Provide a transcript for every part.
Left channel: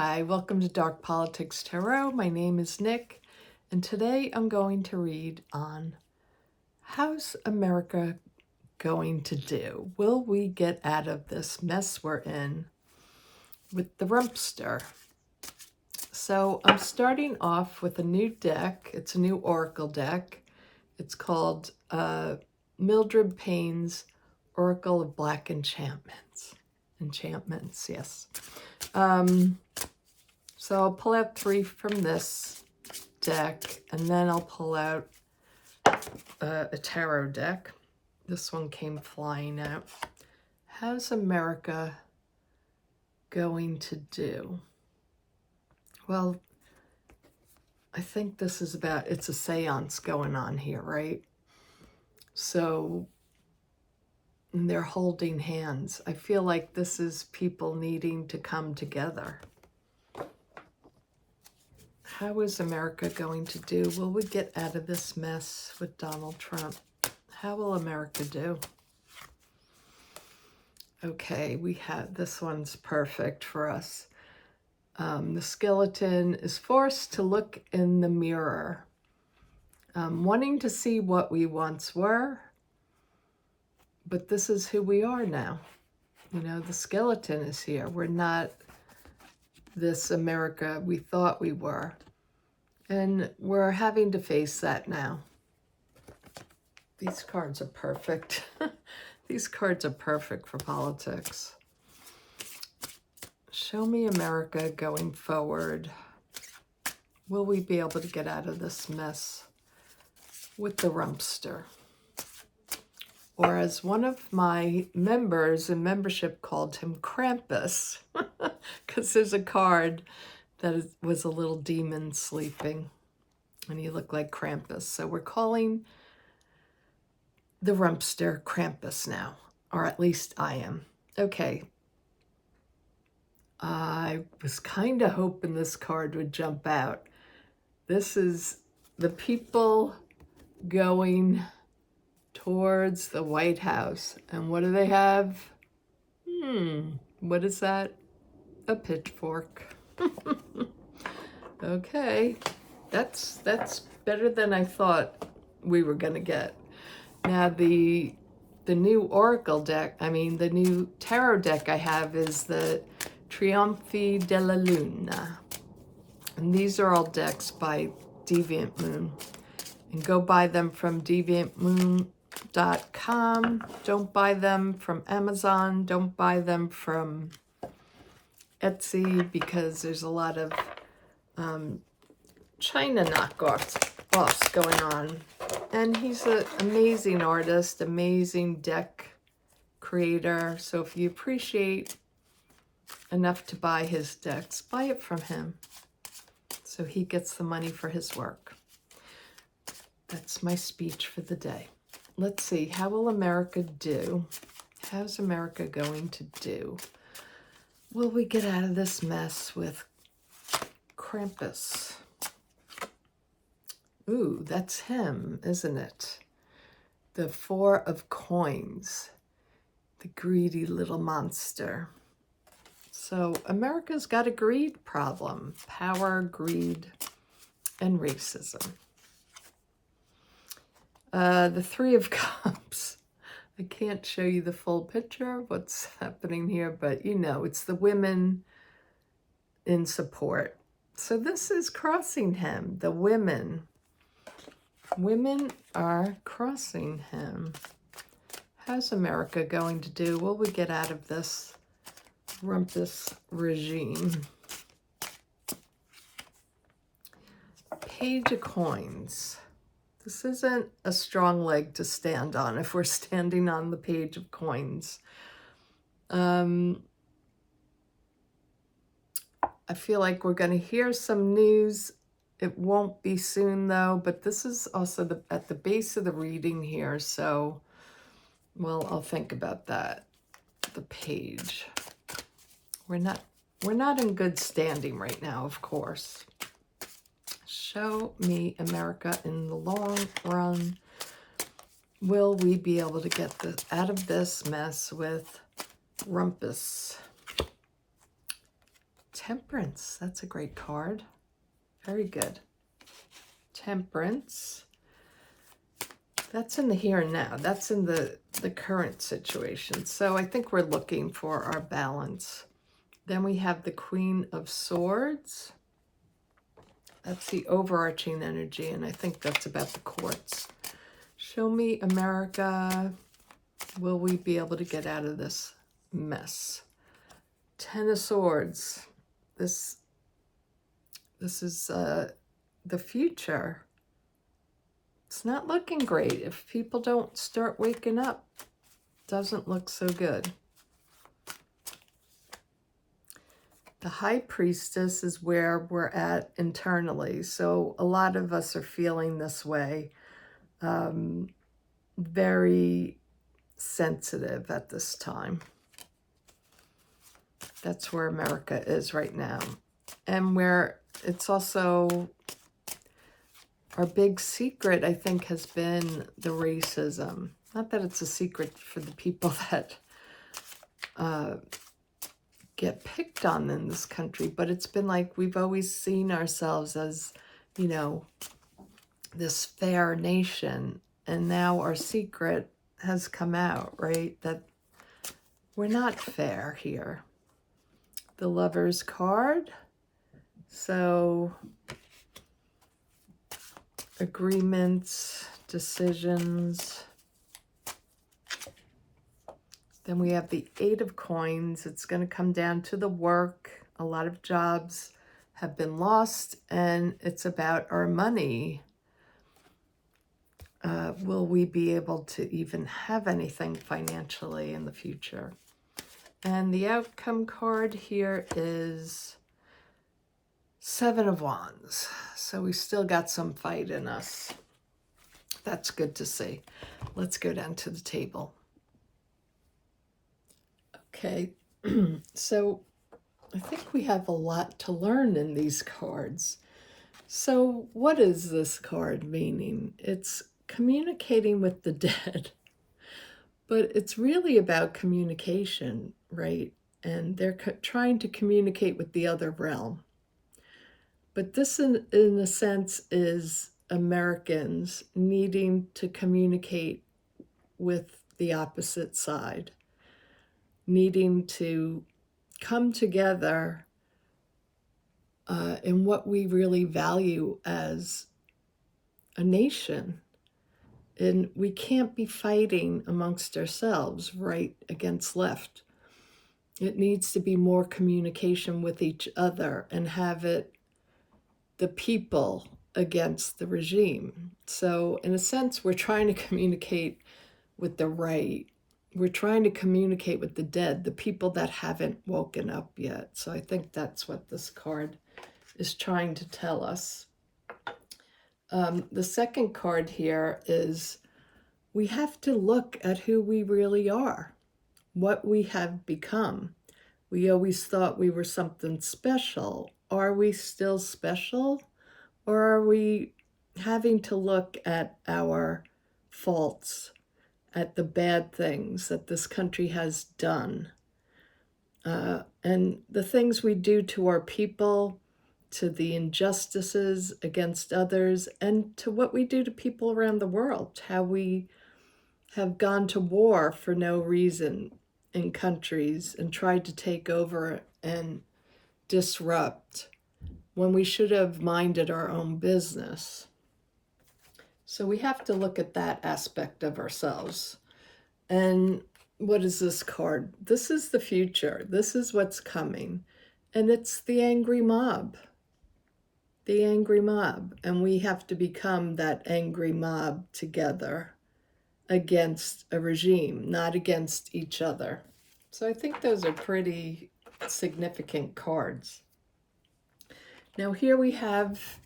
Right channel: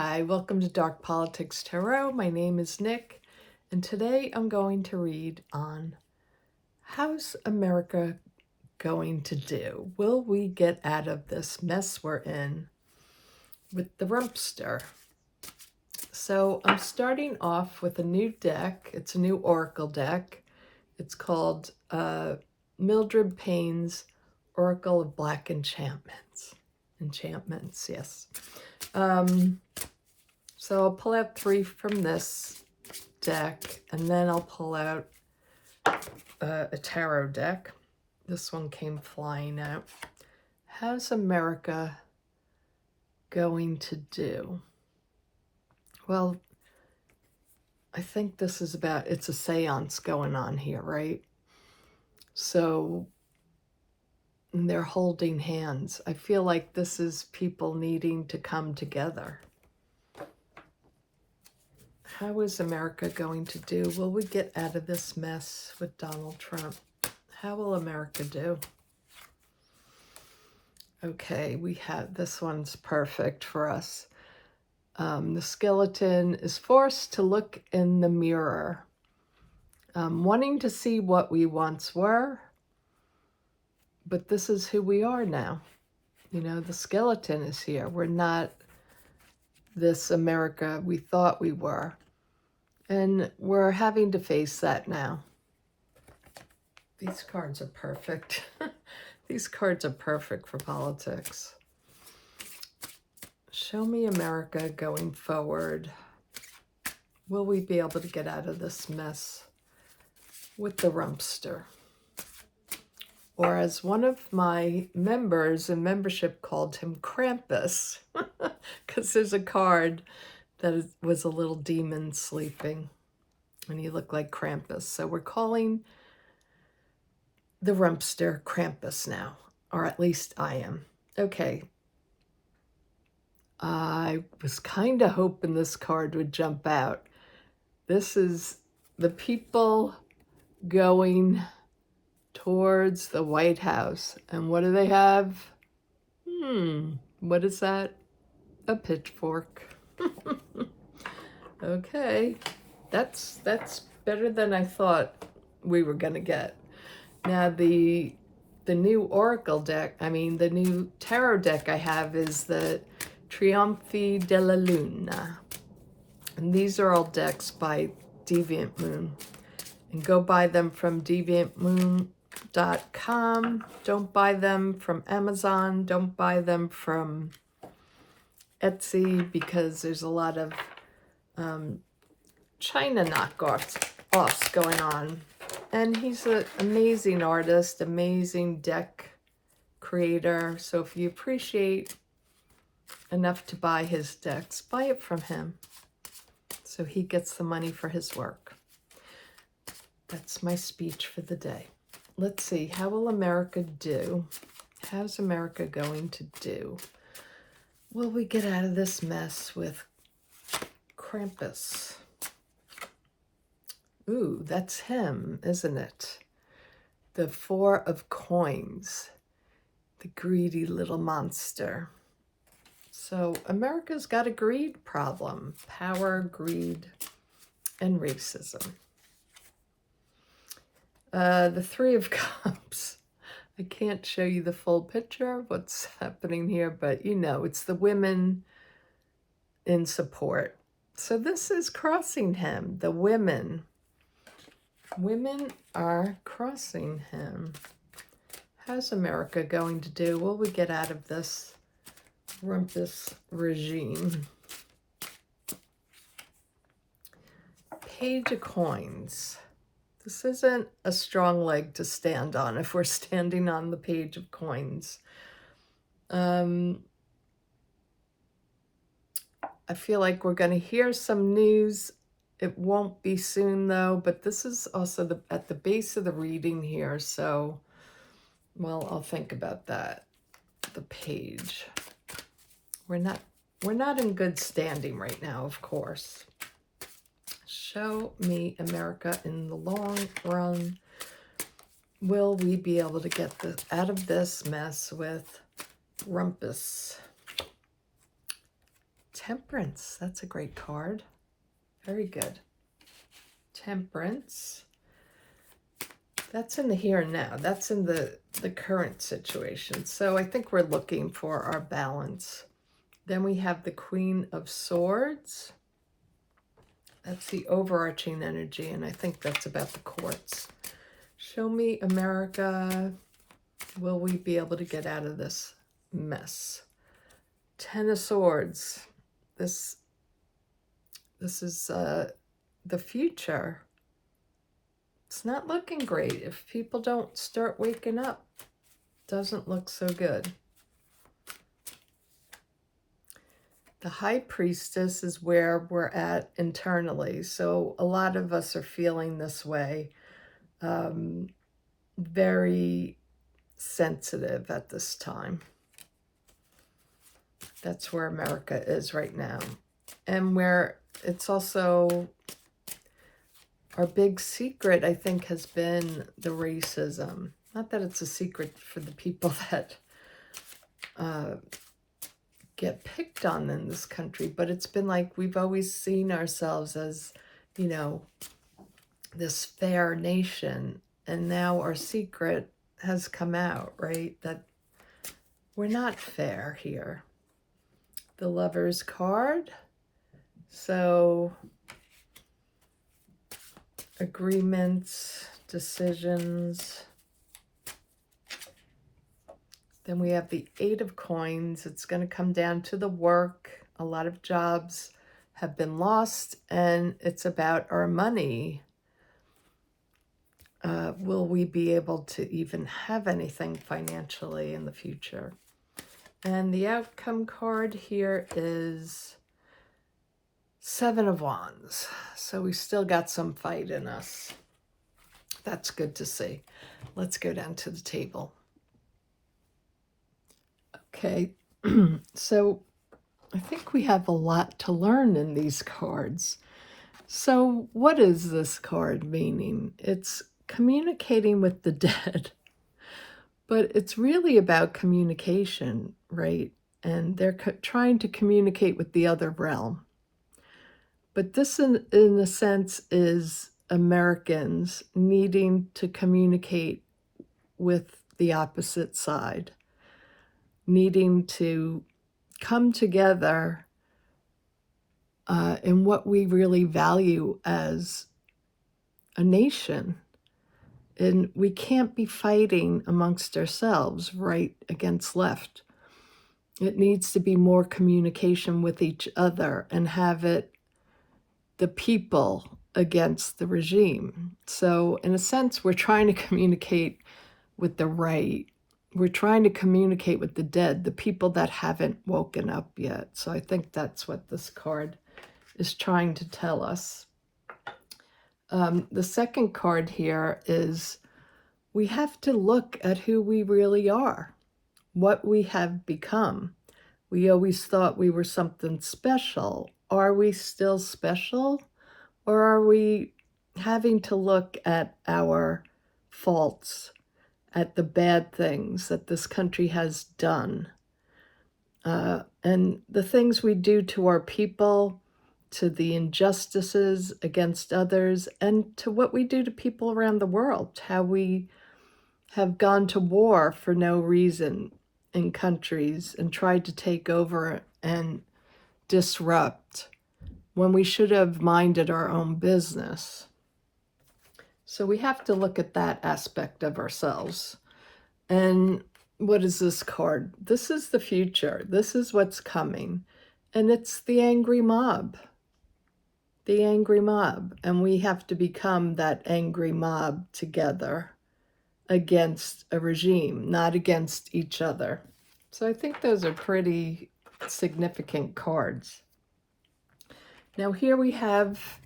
Hi, welcome to Dark Politics Tarot. My name is Nick, and today I'm going to read on how's America going to do? Will we get out of this mess we're in with the Rumpster? So I'm starting off with a new deck. It's a new Oracle deck. It's called Mildred Payne's Oracle of Black Enchantments. Enchantments, yes. So I'll pull out 3 from this deck, and then I'll pull out a tarot deck. This one came flying out. How's America going to do? Well, I think this is about, it's a seance going on here, right? So they're holding hands. I feel like this is people needing to come together. How is America going to do? Will we get out of this mess with Donald Trump? How will America do? Okay, we have, this one's perfect for us. The skeleton is forced to look in the mirror, wanting to see what we once were, but this is who we are now. You know, the skeleton is here. We're not this America we thought we were. And we're having to face that now. These cards are perfect. These cards are perfect for politics. Show me America going forward. Will we be able to get out of this mess with the Rumpster? Or as one of my members in membership called him, Krampus, because there's a card that was a little demon sleeping, and he looked like Krampus. So we're calling the Rumpster Krampus now, or at least I am. Okay. I was kind of hoping this card would jump out. This is the people going towards the White House. And what do they have? What is that? A pitchfork. Okay, that's better than I thought we were gonna get. Now the new Oracle deck, the new tarot deck I have is the Trionfi Della Luna. And these are all decks by Deviant Moon. And go buy them from deviantmoon.com. Don't buy them from Amazon. Don't buy them from Etsy, because there's a lot of China knockoffs going on. And he's an amazing artist, amazing deck creator. So if you appreciate enough to buy his decks, buy it from him so he gets the money for his work. That's my speech for the day. Let's see, how will America do? How's America going to do? Will we get out of this mess with Krampus? Ooh, that's him, isn't it? The 4 of Coins, the greedy little monster. So America's got a greed problem. Power, greed, and racism. The 3 of Cups. I can't show you the full picture of what's happening here, but you know, it's the women in support. So this is crossing him. The women are crossing him. How's America going to do? Will we get out of this Rumpus regime? Page of Coins. This isn't a strong leg to stand on if we're standing on the Page of Coins. I feel like we're going to hear some news. It won't be soon, though, but this is also at the base of the reading here, so, well, I'll think about that. The Page. We're not in good standing right now, of course. Show me America in the long run. Will we be able to get out of this mess with Rumpus? Temperance. That's a great card. Very good. Temperance. That's in the here and now. That's in the current situation. So I think we're looking for our balance. Then we have the Queen of Swords. That's the overarching energy, and I think that's about the courts. Show me America. Will we be able to get out of this mess? Ten of Swords. This is the future. It's not looking great. If people don't start waking up, doesn't look so good. The High Priestess is where we're at internally. So a lot of us are feeling this way. Very sensitive at this time. That's where America is right now. And where it's also our big secret, I think, has been the racism. Not that it's a secret for the people that get picked on in this country, but it's been like we've always seen ourselves as, you know, this fair nation. And now our secret has come out, right? That we're not fair here. The Lover's card. So agreements, decisions. Then we have the Eight of Coins. It's going to come down to the work. A lot of jobs have been lost, and it's about our money. Will we be able to even have anything financially in the future? And the outcome card here is Seven of Wands. So we still got some fight in us. That's good to see. Let's go down to the table. Okay, so I think we have a lot to learn in these cards. So what is this card meaning? It's communicating with the dead, but it's really about communication, right? And they're trying to communicate with the other realm. But this, in a sense, is Americans needing to communicate with the opposite side, needing to come together in what we really value as a nation. And we can't be fighting amongst ourselves, right against left. It needs to be more communication with each other and have it the people against the regime. So in a sense, we're trying to communicate with the right. We're trying to communicate with the dead, the people that haven't woken up yet. So I think that's what this card is trying to tell us. The second card here is we have to look at who we really are, what we have become. We always thought we were something special. Are we still special? Or are we having to look at our faults, at the bad things that this country has done, and the things we do to our people, to the injustices against others, and to what we do to people around the world, how we have gone to war for no reason in countries and tried to take over and disrupt when we should have minded our own business. So we have to look at that aspect of ourselves. And what is this card? This is the future. This is what's coming. And it's the angry mob. The angry mob. And we have to become that angry mob together against a regime, not against each other. So I think those are pretty significant cards. Now here we have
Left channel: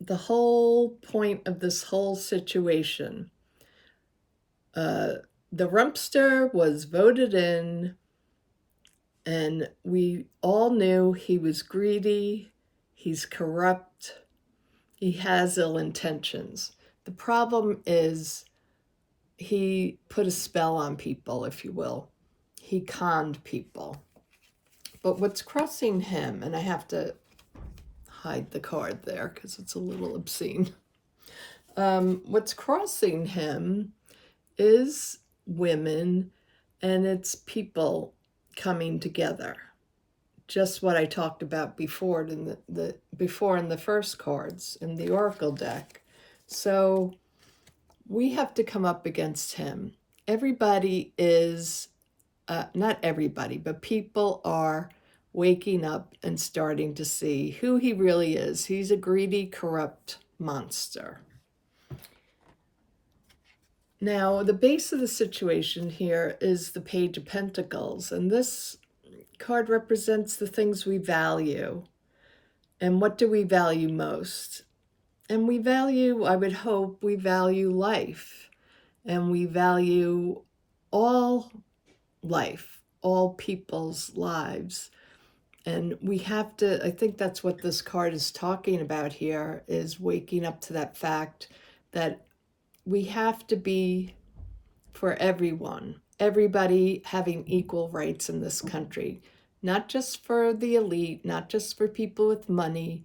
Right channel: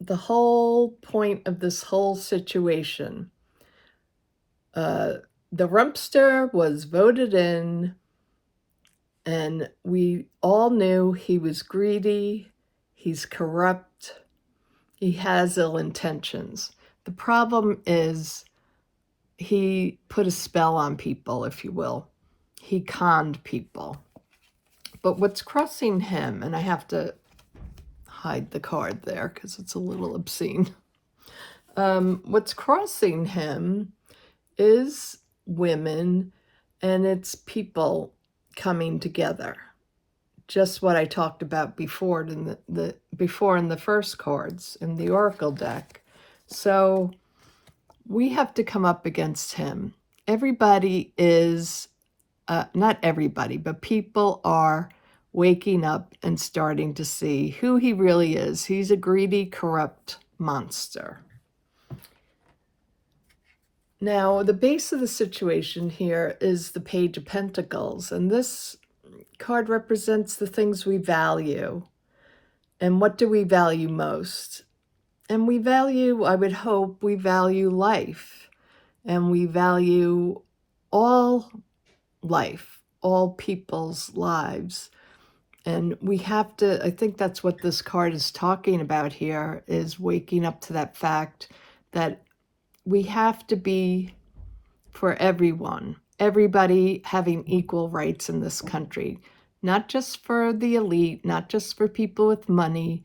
the whole point of this whole situation. The Rumpster was voted in, and we all knew he was greedy, he's corrupt, he has ill intentions. The problem is he put a spell on people, if you will. He conned people. But what's crossing him, and I have to hide the card there because it's a little obscene. What's crossing him is women, and it's people coming together. Just what I talked about before in the first cards in the Oracle deck. So we have to come up against him. Everybody is, not everybody, but people are waking up and starting to see who he really is. He's a greedy, corrupt monster. Now, the base of the situation here is the Page of Pentacles, and this card represents the things we value. And what do we value most? And we value, I would hope, we value life. And we value all life, all people's lives. And we have to, I think that's what this card is talking about here, is waking up to that fact that we have to be for everyone, everybody having equal rights in this country, not just for the elite, not just for people with money,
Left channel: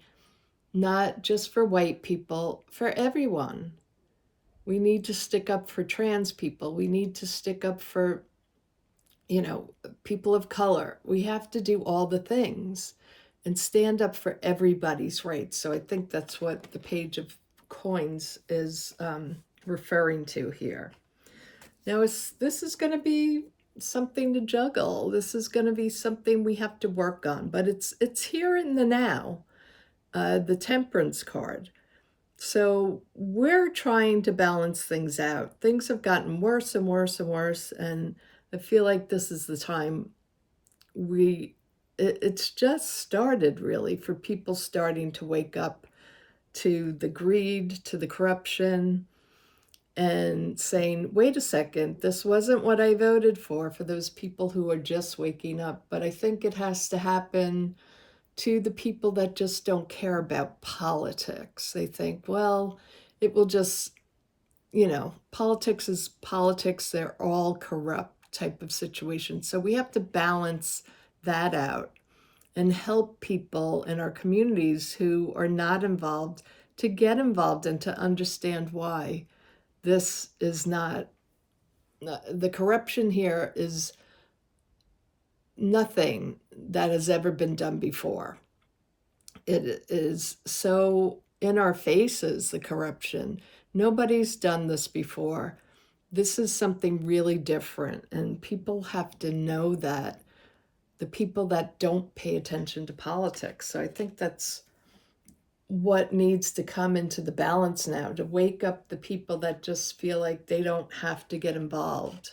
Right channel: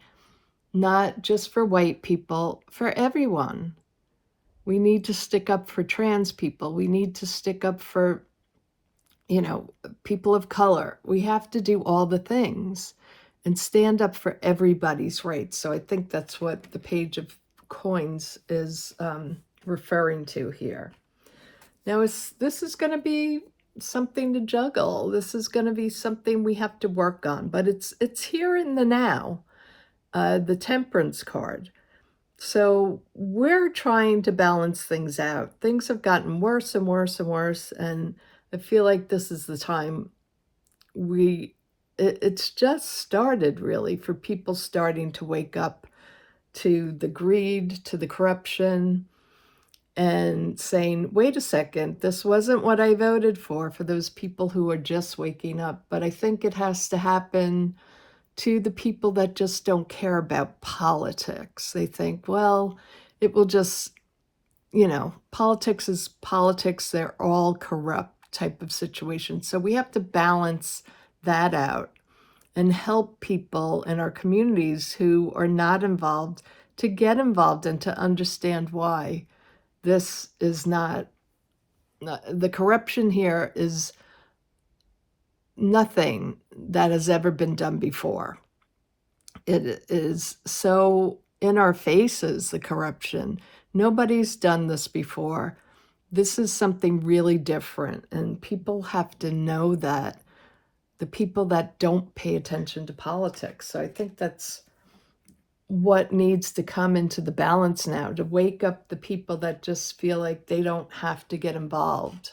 not just for white people, for everyone. We need to stick up for trans people. We need to stick up for, people of color. We have to do all the things and stand up for everybody's rights. So I think that's what the Page of Coins is referring to here. Now, this is going to be something to juggle. This is going to be something we have to work on, but it's here in the now, the Temperance card. So we're trying to balance things out. Things have gotten worse and worse and worse, and I feel like this is the time it's just started, really, for people starting to wake up to the greed, to the corruption, and saying, wait a second, this wasn't what I voted for those people who are just waking up. But I think it has to happen to the people that just don't care about politics. They think, well, it will just, politics is politics. They're all corrupt type of situation. So we have to balance that out and help people in our communities who are not involved to get involved and to understand why this is not, the corruption here is nothing that has ever been done before. It is so in our faces, the corruption. Nobody's done this before. This is something really different, and people have to know that, the people that don't pay attention to politics. So I think that's what needs to come into the balance now, to wake up the people that just feel like they don't have to get involved.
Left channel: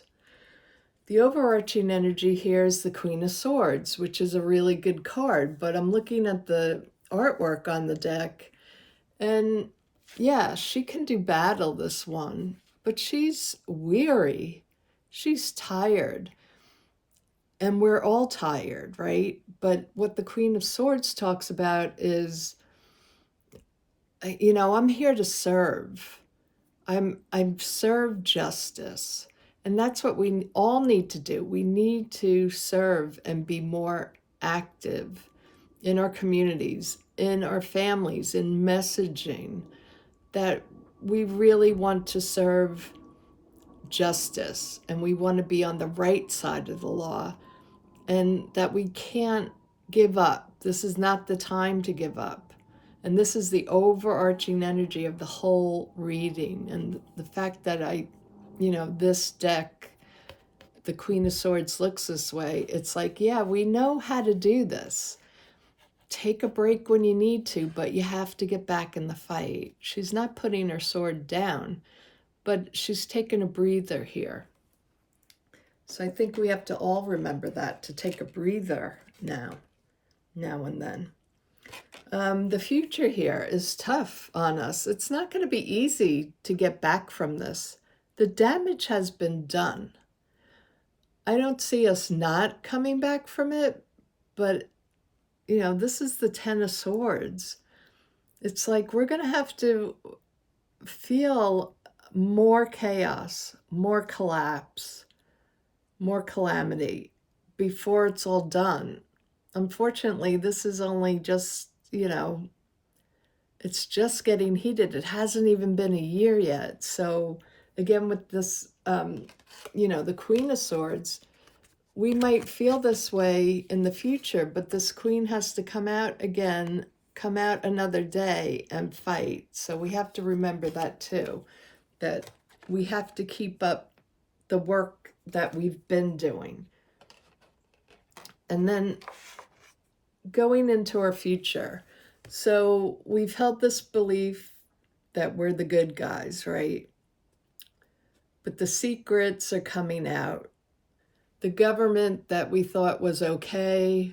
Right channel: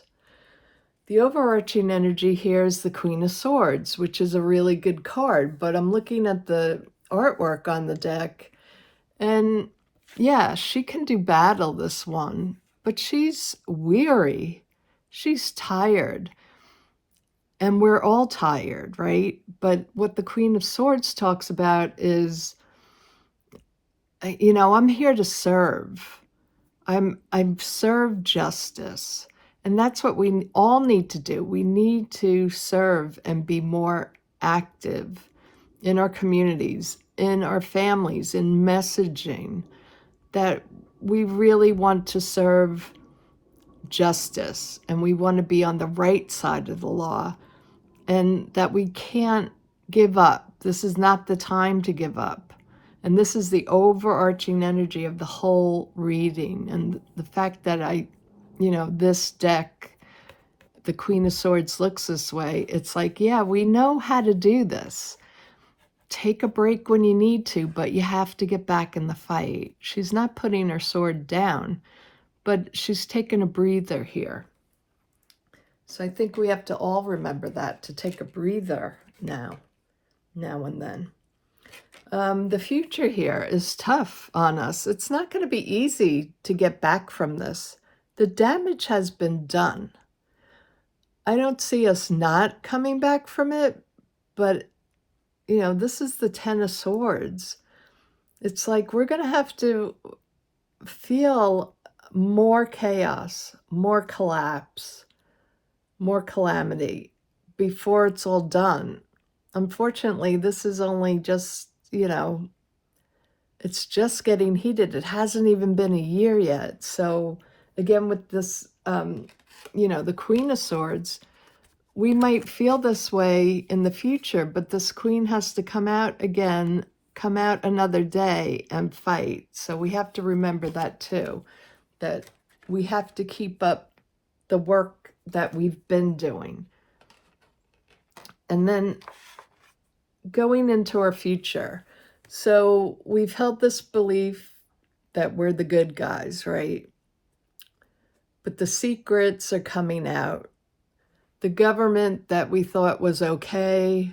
The overarching energy here is the Queen of Swords, which is a really good card, but I'm looking at the artwork on the deck, and yeah, she can do battle, this one, but she's weary. She's tired. And we're all tired, right? But what the Queen of Swords talks about is, I'm here to serve. I'm serve justice. And that's what we all need to do. We need to serve and be more active in our communities, in our families, in messaging, that we really want to serve justice and we want to be on the right side of the law, and that we can't give up. This is not the time to give up. And this is the overarching energy of the whole reading. And the fact that this deck, the Queen of Swords, looks this way, it's like, yeah, we know how to do this. Take a break when you need to, but you have to get back in the fight. She's not putting her sword down, but she's taking a breather here. So I think we have to all remember that, to take a breather now and then. The future here is tough on us. It's not going to be easy to get back from this. The damage has been done. I don't see us not coming back from it, but, this is the Ten of Swords. It's like we're going to have to feel more chaos, more collapse, more calamity before it's all done. unfortunately, this is only just, it's just getting heated. It hasn't even been a year yet. So again, with this, the Queen of Swords, we might feel this way in the future, but this queen has to come out again, come out another day and fight. So we have to remember that too, that we have to keep up the work that we've been doing. And then going into our future. So we've held this belief that we're the good guys, right? But the secrets are coming out. The government that we thought was okay,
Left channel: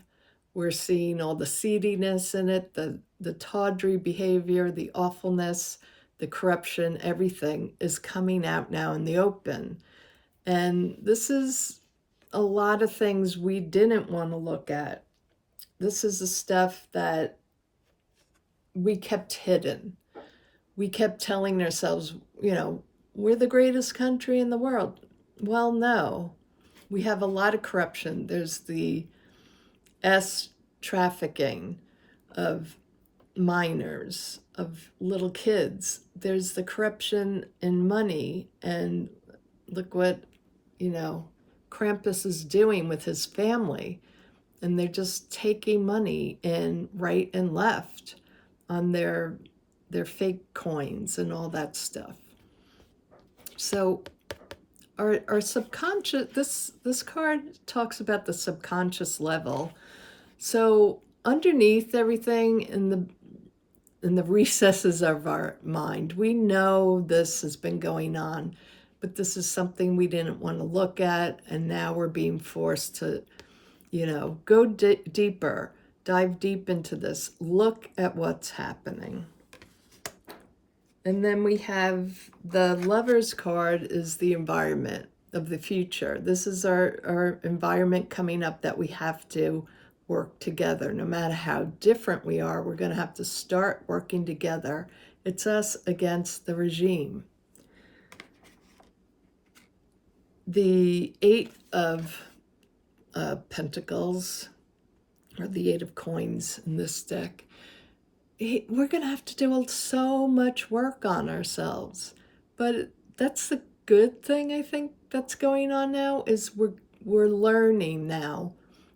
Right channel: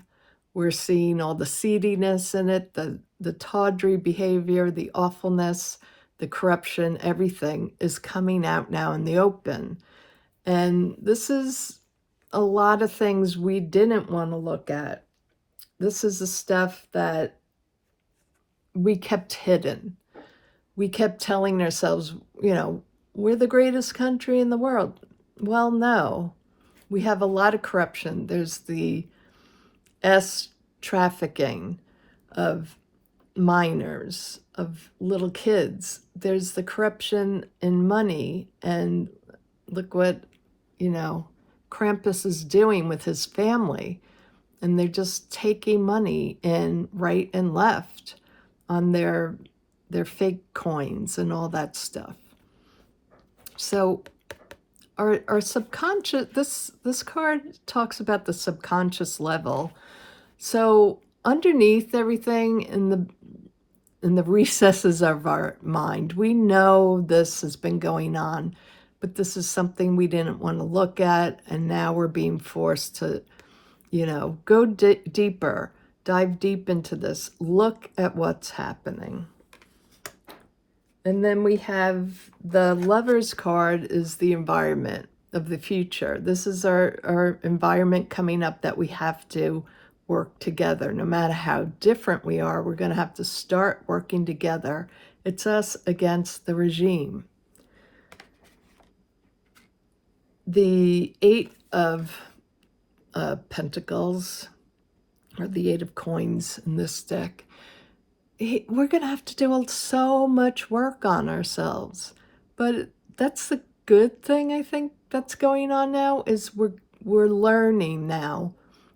we're seeing all the seediness in it, the tawdry behavior, the awfulness, the corruption, everything is coming out now in the open. And this is a lot of things we didn't want to look at. This is the stuff that we kept hidden. We kept telling ourselves, we're the greatest country in the world. Well, no. We have a lot of corruption. There's the trafficking of minors, of little kids. There's the corruption in money. And look what, Krampus is doing with his family. And they're just taking money in right and left on their fake coins and all that stuff. So our subconscious, this card talks about the subconscious level. So underneath everything in the recesses of our mind, we know this has been going on, but this is something we didn't want to look at, and now we're being forced to, go deeper, dive deep into this, look at what's happening. And then we have the Lover's card is the environment of the future. This is our environment coming up that we have to work together. No matter how different we are, we're going to have to start working together. It's us against the regime. The Eight of Pentacles, or the Eight of Coins in this deck, we're going to have to do so much work on ourselves. But that's the good thing, I think, that's going on now, is we're learning now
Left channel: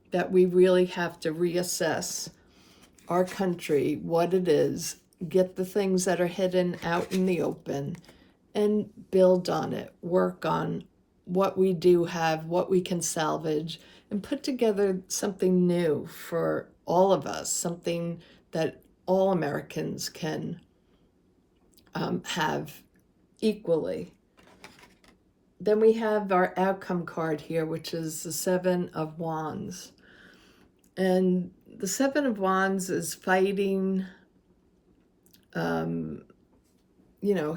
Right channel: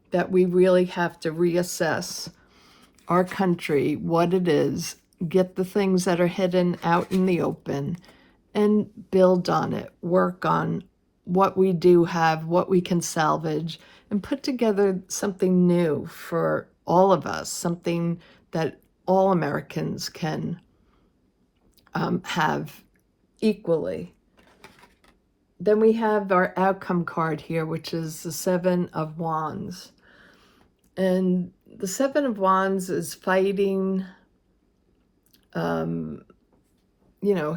that we really have to reassess our country, what it is, get the things that are hidden out in the open, and build on it, work on what we do have, what we can salvage, and put together something new for all of us, something that all Americans can have equally. Then we have our outcome card here, which is the Seven of Wands. And the Seven of Wands is fighting,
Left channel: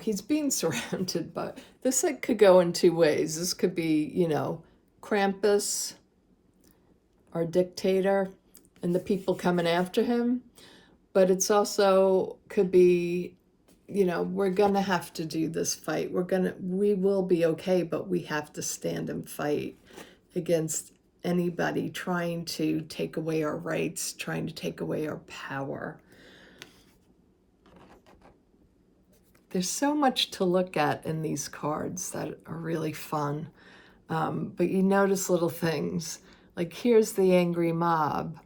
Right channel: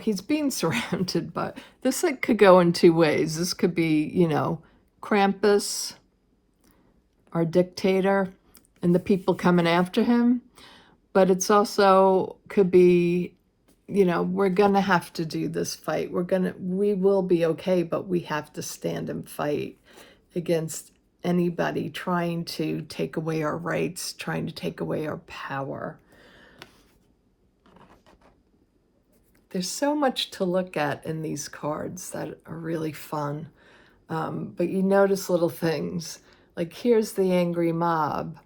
he's being surrounded by, this could go in two ways. This could be, Krampus, our dictator, and the people coming after him. But it's also could be, we're going to have to do this fight. We will be okay, but we have to stand and fight against anybody trying to take away our rights, trying to take away our power. There's so much to look at in these cards that are really fun. But you notice little things. Like here's the angry mob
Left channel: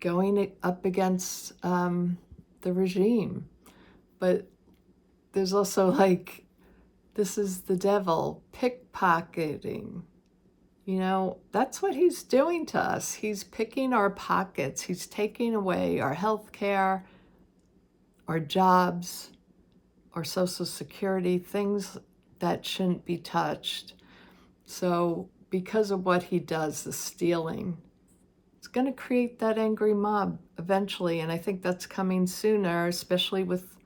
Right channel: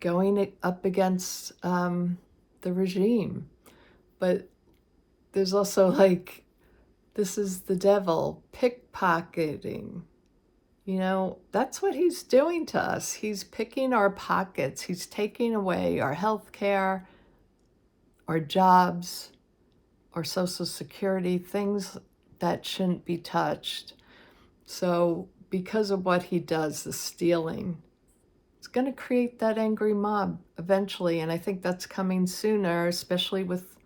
going up against the regime. But there's also this is the devil pickpocketing. That's what he's doing to us. He's picking our pockets. He's taking away our health care, our jobs, our Social Security, things that shouldn't be touched. So because of what he does, the stealing, it's going to create that angry mob eventually. And I think that's coming sooner, especially with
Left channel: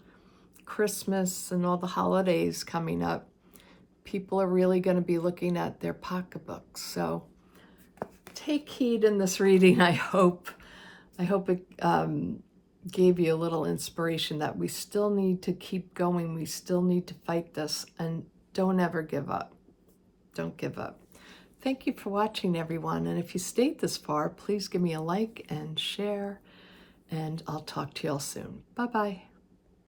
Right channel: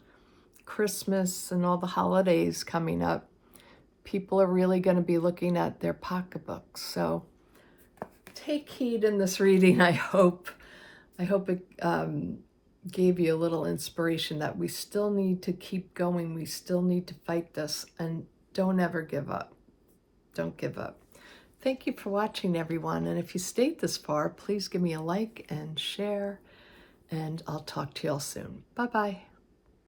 Christmas and all the holidays coming up. People are really going to be looking at their pocketbooks. So take heed in this reading, I hope. I hope it gave you a little inspiration that we still need to keep going. We still need to fight this, and don't ever give up. Don't give up. Thank you for watching, everyone. And if you stayed this far, please give me a like and share, and I'll talk to you all soon. Bye-bye.